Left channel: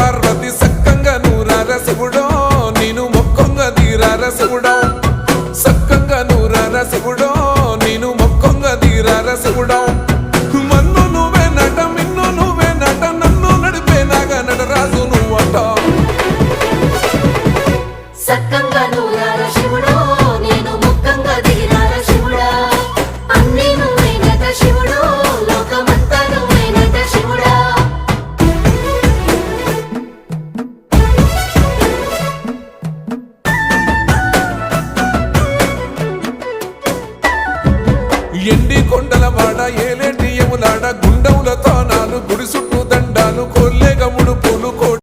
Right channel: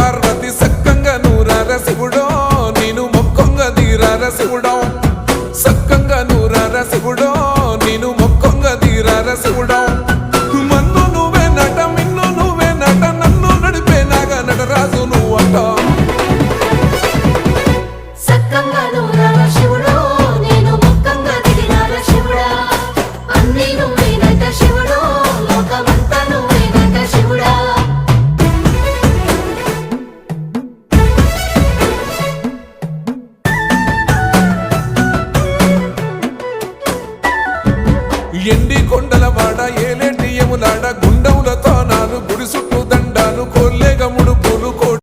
పార్వతి సక్కంగా నూరార శివుడో నేను మొక్కంగా తీరార శివుడో సక్కంగా నూరార శివుడో నేను మొక్కంగా తీరార శివుడో మన్ను నువ్వే నట మిన్ను నువ్వే నట నన్ను నడిపే నాగా నటరాజు నువ్వట ఎండి కొండల వాడ ఏలేటి యములాడ గుండములతో నాలు గుడి చుట్టూ దండాలు కొల్లేగముడు పూలు